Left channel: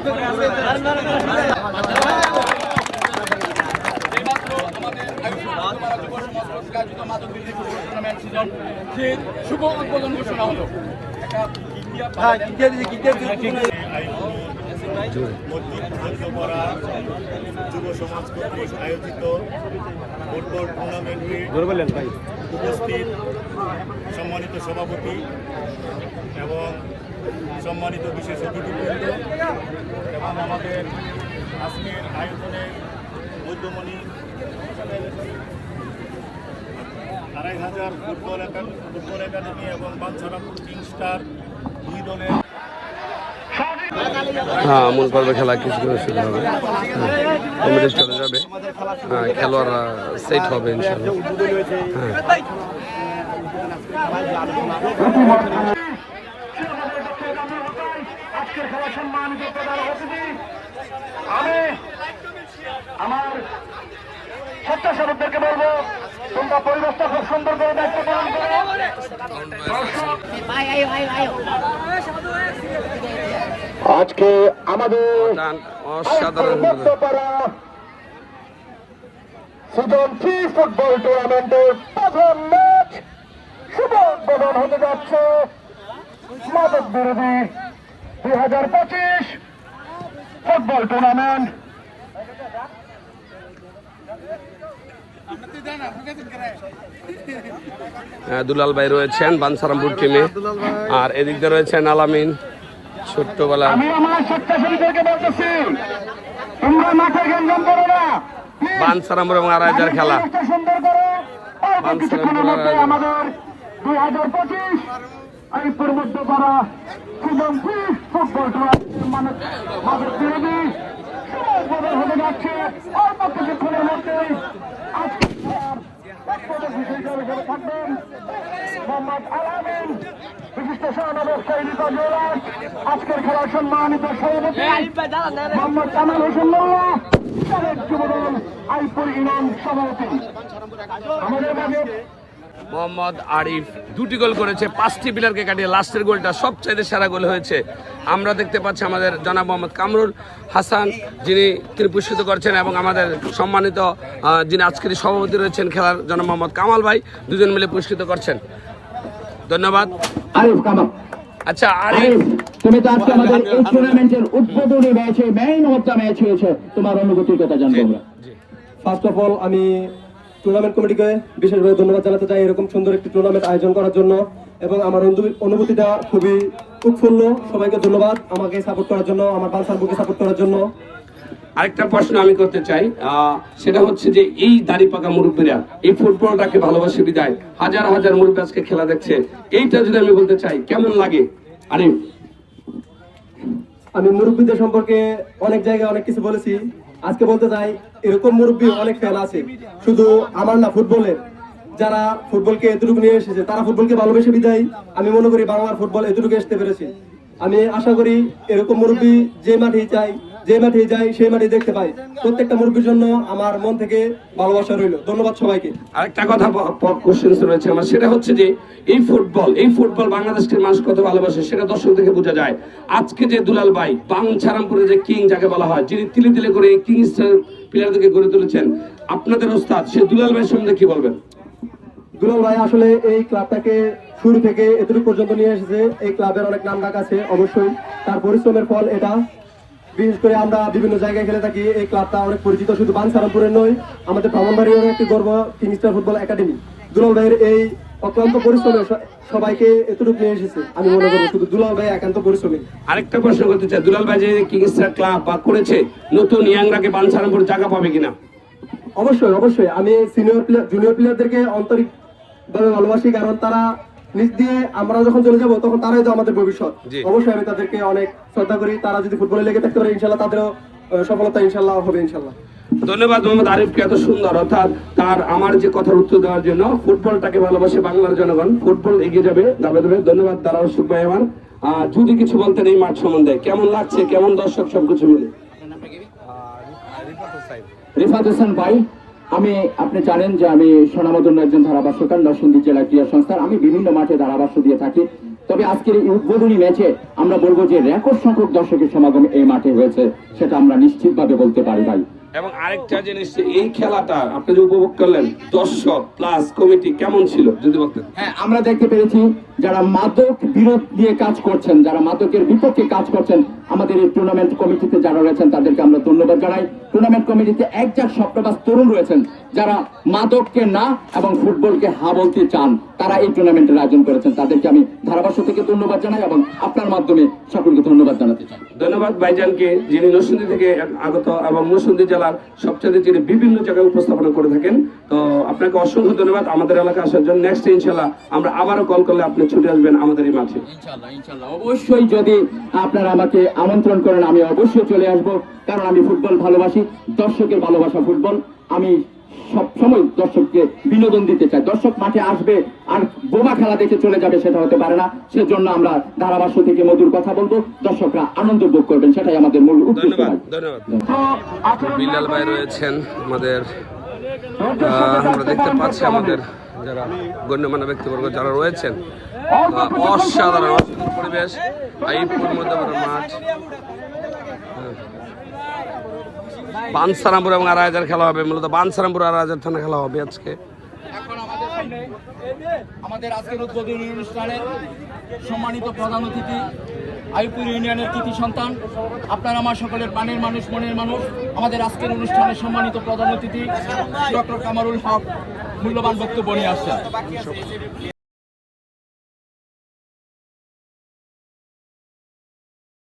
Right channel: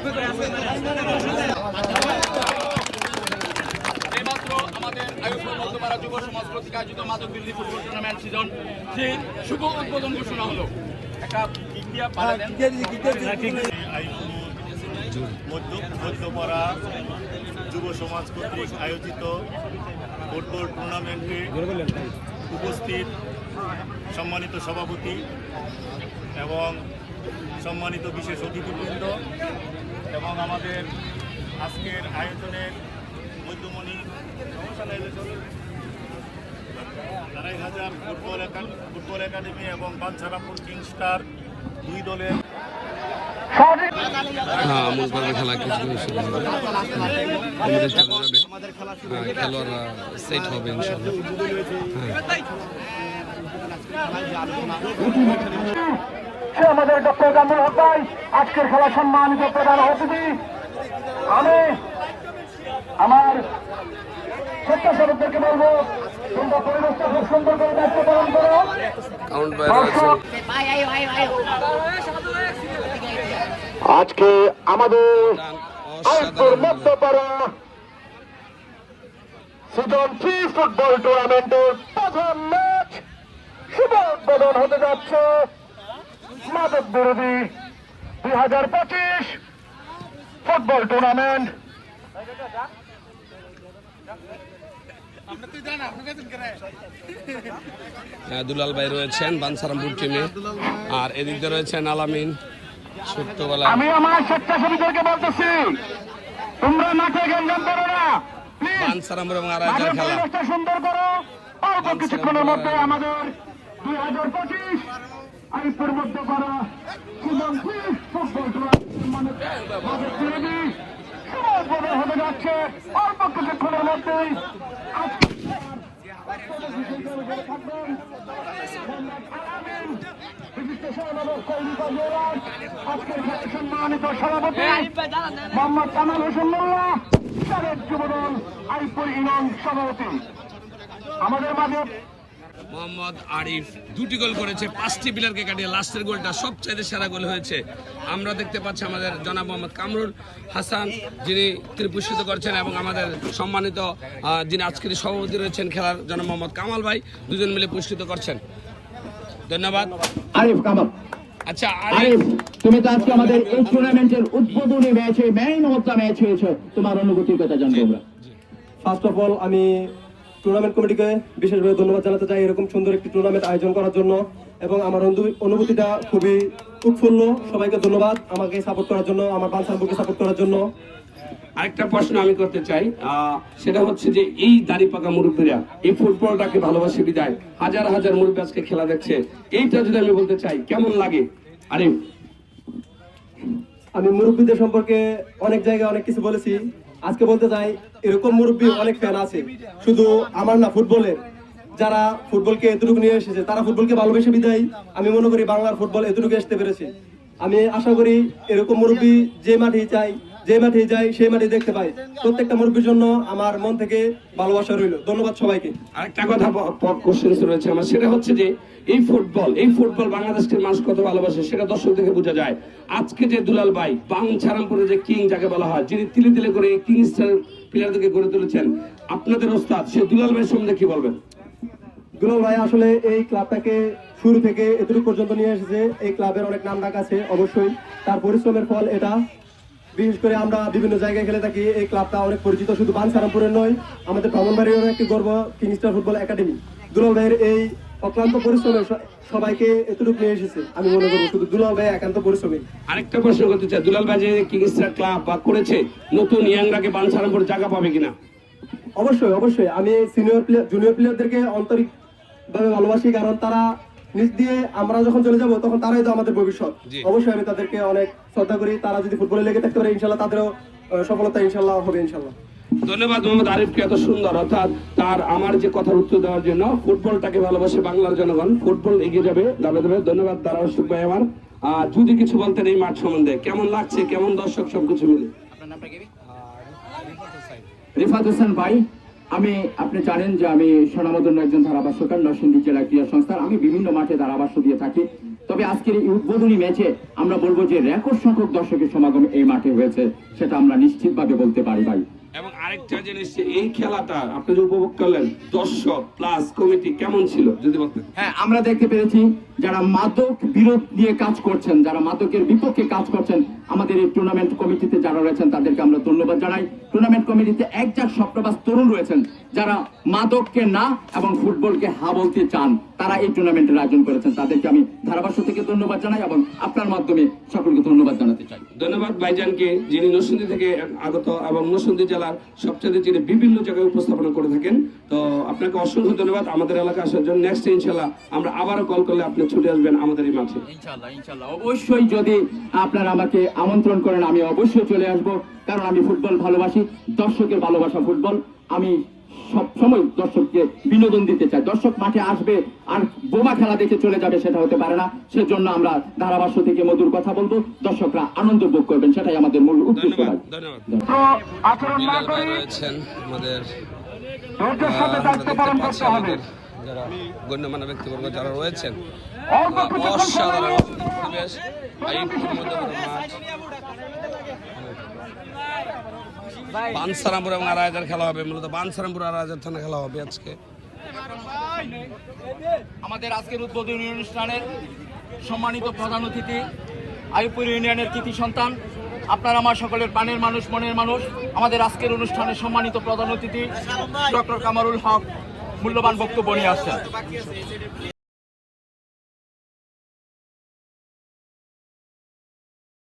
যুব সমাজ কর্তৃক আয়োজিত মাদক বিরোধী ফুটবল টুর্নামেন্ট সিজন যে শুভ উদ্বোধন ঘোষণা হলো। মধ্যপাড়া যুব সমাজ কর্তৃক আয়োজিত ফুটবল টুর্নামেন্টে উপস্থিত সম্মানিত সভাপতি এবং সম্মানিত বিশেষ অতিথিবৃন্দ এবং আমাদের আজকের আয়োজনের মধ্যমণি 2500 ফুটবল একাডেমি এবং বাঞ্ছারামপুর কিংস্টার দুই দলের মূল পর্বে খেলা কিছু শুরু হবে, কমিটি চলে যাবে, খেলোয়াড়রা সেট হবে ইনশাআল্লাহ। আমাদের ডক্টর কামরুল হক আজকের খেলা সম্মানিত প্রধান অতিথি। আমি আমার স্বেচ্ছাসেবকদেরকে বলবো, তোমরা পরিবেশটা খুব সুন্দর করে দায়িত্ব পালন করো। আজকে আমাদের সিজন 3 ফুটবল টুর্নামেন্টের প্রথম ম্যাচ শুভ উদ্বোধন হতে যাচ্ছে। মাদক বিরোধী 2025 ফুটবল টুর্নামেন্ট। দুলাল ভাই রয়েছেন বাঞ্ছারামপুর টিমে, আর এদিকে রয়েছেন আলামিন ছোট্টবেলা। আমি আমার স্বেচ্ছাসেবীদেরকে বলতেছি, তোমরা মাঠে গেঞ্জাম করো না, বাঞ্ছারামপুর এবং আড়াইটার খেলা সুন্দর করো। অল্প কিছুক্ষণের মধ্যে আমাদের 2025 আইপুর মধ্যে করা সিজন 3 ফুটবল টুর্নামেন্ট মাদক বিরোধী উদ্বোধন হতে যাচ্ছে। অল্প কিছুক্ষণের মধ্যেই মোহাম্মদ আলামিন বিশিষ্ট সমাবেশকারী আজকের খেলার সম্মানিত সভাপতি মোহাম্মদ কামাল হোসেন মোল্লা, যুবদল আইপুর ইমাম সভাপতি। আমাদের মাঝে মোহাম্মদ আরিফ 2টি গোল করেছে, 5টি প্লেয়ারকে কাটিয়ে লাস্টের গোলটা সবচাইতে সেরা গোল হয়েছে। আমরা দেখতে পাচ্ছি আমাদের জনাব মোহাম্মদ কামরুল হাসান, যিনি পুরস্কৃত করছেন, এবং আমাদের সম্মানিত যিনি আজকের সভাপতি রয়েছেন খেলার জনাব মোহাম্মদ কামাল ভাই, দুজন মিলে পুরস্কৃত করছেন। ধন্যবাদ। আরিফ কামাল। আচ্ছা আরিফ, তুমি তো আজকে আমাদের এই টুর্নামেন্টের উদ্বোধনী ম্যাচে ম্যান অফ দ্য ম্যাচ হয়েছে, তোমার অনুভূতির কথা জানবো আমরা। ফার্স্ট অফ অল আমি টুর্নামেন্ট কমিটিকে বিশেষভাবে ধন্যবাদ জানাতে চাই এরকম সুন্দর একটি টুর্নামেন্ট আয়োজন করার জন্য, এবং আমার অনুভূতিটা খুবই উৎফুল্ল। সবাইকে ধন্যবাদ আমাকে সাপোর্ট করার জন্য, আমার বাঞ্ছারামপুরকে সাপোর্ট করার জন্য। আরেকটা প্রশ্ন আমি করতে চাই, সেটা হচ্ছে যে এই দাড়ি পাকা মুরব্বীরা এই ফুটবলটাকে ভালোবাসে বিদায় হাজার হাজার মুরব্বী আজকে খেলা দেখছে, এইটা যদি আমি বলতে চাই কেমন লাগে? আরিফ, আমি মুরব্বীদের সম্পর্কে অনেক জায়গায় অনেক কিছু বলেছি, আজকে বলতে চাই এরকম মুরব্বী অনেক ফ্যান আছে, শুধু আমার না, ফুটবলের যারা ফুটবলকে এতটুকু নিয়ে এসেছে তারা ফুটবলকে ভালোবেসে বিদায় আমি মনে করি বাংলার ফুটবল এতটুকু আসতে পেরেছে। আমি আশা করি এরকম মুরব্বী যে মাঠেই চাই, যে মাঠে যাই সেই মাঠে দেখতে পাই। প্রত্যেকটা মুরব্বীর জন্য আমার মন থেকে ভালোবাসা রইল। ধন্যবাদ সবাইকে। আরেকটা কথা কোশ্চেন রয়েছে আমার, সেটা হচ্ছে যে এই ফুটবল বাংলাদেশের মানুষ কত ভালোবাসে সেটা দর্শক থেকে বোঝা যায়। আজকে যে দুলাল ভাই বাঞ্ছারামপুরে যে কিং যাকে বলা হয়, যিনি তিলে তিলে করে এই কিংস্টার প্লেয়ারদেরকে গড়ে তুলেছেন, আপনাদের ওস্তাদ সে দুলাল ভাই সম্বন্ধে কি বলবেন? দুলাল ভাই আসলে এই ক্লাবটাকে শুরু থেকে এতটুকু পর্যন্ত নিয়ে এসেছে। এই ক্লাবের অনেক নাম ডাক আছে, অবশ্যই তার পরিশ্রমের ফল এটা। বিশেষ করে আমরা বিভিন্ন জায়গায় খেলে থাকি, এই ক্লাবটা অনেক পরিচিত, শুধু বাঞ্ছারামপুরের নয়, আমাদের ব্রাহ্মণবাড়িয়ার একটি গর্ব কিংস্টার ফুটবল একাডেমি। দুলাল ভাইয়ের এই অক্লান্ত পরিশ্রমে সবাইকে এতটুকু নিয়ে এসেছে, আমি মনে করবো শুধু দুলাল ভাই একান্ত পরিশ্রমে। আরেকটা প্রশ্ন করতে চাই, দুলাল ভাই যে কিংস্টার ক্লাব বা করেছে, নতুন ইয়াংরাকে বাঞ্ছারামপুর জায়গা পাবে কিনা? অবশ্যই অবশ্যই, আমি জুনিয়র প্লেয়ারদেরকে আন্তরিক ভাবে ভালোবাসি, কারণ তারা নিজ দিয়ে আমরা যখন চলে যাব তখন তারাই তো আমাদের ভবিষ্যৎ। অবশ্যই আমি তাদেরকে অনেক শ্রদ্ধা করি, তারা যদি ফুটবলে লেগে থাকতে পারে ইনশাল্লাহ তাদেরও সফলতা ইনশাল্লাহ হবে ইনশাল্লাহ। ধন্যবাদ মোহাম্মদ আরিফকে এত সুন্দর, অর্থাৎ তার আমার যে কথার উত্তর দেওয়ার জন্য। ফুটবলটাকে ভালোবাসে বাংলার জনগণ, ফুটবল এগিয়ে যাবে দাবে দেবে। ধন্যবাদ দাঁড়াও সুখ ভাই আমার। যদি কিছু বলতেন এই মাঠ সম্বন্ধে, কেমন লাগছে, কেমন দর্শক সবকিছু মিলে? রিফাত হোসেন ভাই, আপনি জানেন যে আমি সোনামদন্য একজন ধারাভাষ্যকার, নরসিংদী জেলা ক্রীড়া সংস্থার। আমি বিভিন্ন মাঠে ধারাভাষ্য দিয়ে থাকি। তবে আজকের এই উদ্বোধনী ম্যাচে আমরা বলবো যে রেকর্ড সংখ্যক দর্শকের সমাগম এই মাঠে হয়েছে, সেটা আমরা নিশ্চিতভাবে বলতে পারি ভাই। এবং আরেকটা জিনিস, এই খেলাটা আপনি যে উপভোগ করলেন, দর্শক প্লাস কমিটি কেমন ছিল যদি বলতেন? হ্যাঁ, আমরা দেখতে পেরেছি যারা মাদক বিরোধ নিয়ে কাজ করছেন, যারা মাদকের বিপক্ষে কাজ করছেন, আমাদের এই টুর্নামেন্ট কমিটিতে যারা রয়েছেন তাদেরকে আমরা ধন্যবাদ জানাই। টুর্নামেন্ট কমিটিতে একজাক স্বপ্নবাস তরুণ রয়েছেন যারা মাদককে না এবং ফুটবলকে হা বলতে চান, তারা এই টুর্নামেন্টের আয়োজন করেছেন। তাদেরকে আমি ধারাভাষ্য থেকে ধন্যবাদ জানাই এবং আপনার মাধ্যমে সকলকে ধন্যবাদ জানাতে চাই। ধন্যবাদ ভাইজানকে, যিনি নরসিংদী থেকে আগত এবং নরসিংদী জেলার সবচেয়ে যিনি বিভিন্ন জায়গায় উপস্থাপনা করে থাকেন। তো আপনাকে অসংখ্য ধন্যবাদ আমাদের এলাকায় আসার জন্য। নেক্সট ইনশাল্লাহ আমরা আবারও কল করলে আপনি ছুটে আসবেন আমাদের এই মাঠে। ইনশাল্লাহ অবশ্যই যদি আপনারা আমাকে আমন্ত্রণ করেন আমি অবশ্যই চলে আসব, কারণ আমি ফুটবল ভালোবাসি, দর্শকের ভালোবাসা ফুটবল। আমি সবসময় দর্শককে বিনোদন দিতে চাই। দর্শক মাঠে আসবে আর বোমা খেলা দেখে চলে যাবে, সেটা হতে পারে না। সেজন্য আমরা ধারাভাষ্য থেকে মধুর কথা বলবো, দর্শকরা আনন্দ ভোগ করবেন, সেটাই আমাদের মূল উদ্দেশ্য। ধন্যবাদ। আচরণ না বিলাল ভাই করে রয়েছেন আমাদের, ধৈর্যের সাথে আমরা দায়িত্ব দেখতে পালন পাচ্ছি করতে হবে। আমাদের যারা গণ্যমান্য ব্যক্তিবর্গ যারা রয়েছেন। অল্প কিছুক্ষণ অসাধারণ সময় পরিবেশ, এই পূর্ণদমের মাঠ। বানসারামপুর এবং আড়াইহাজার খেলা হবে, মূলত বানসারামপুর আড়াইহাজার থানা খেলা হবে আজকে। এখন আমাদের সামনে আমাদের আজকের উদ্বোধনী অনুষ্ঠানের সম্মানিত প্রধান অতিথি, আইপুর ইউনিয়নের কৃতি সন্তান, আপনার আমার সকলের প্রাণের মানুষ, মনের মানুষ, আমাদের আজকের অনুষ্ঠানের সম্মানিত প্রধান অতিথি ডক্টর কামারুল হক মূল্যবান বক্তব্য নিয়ে আসছেন।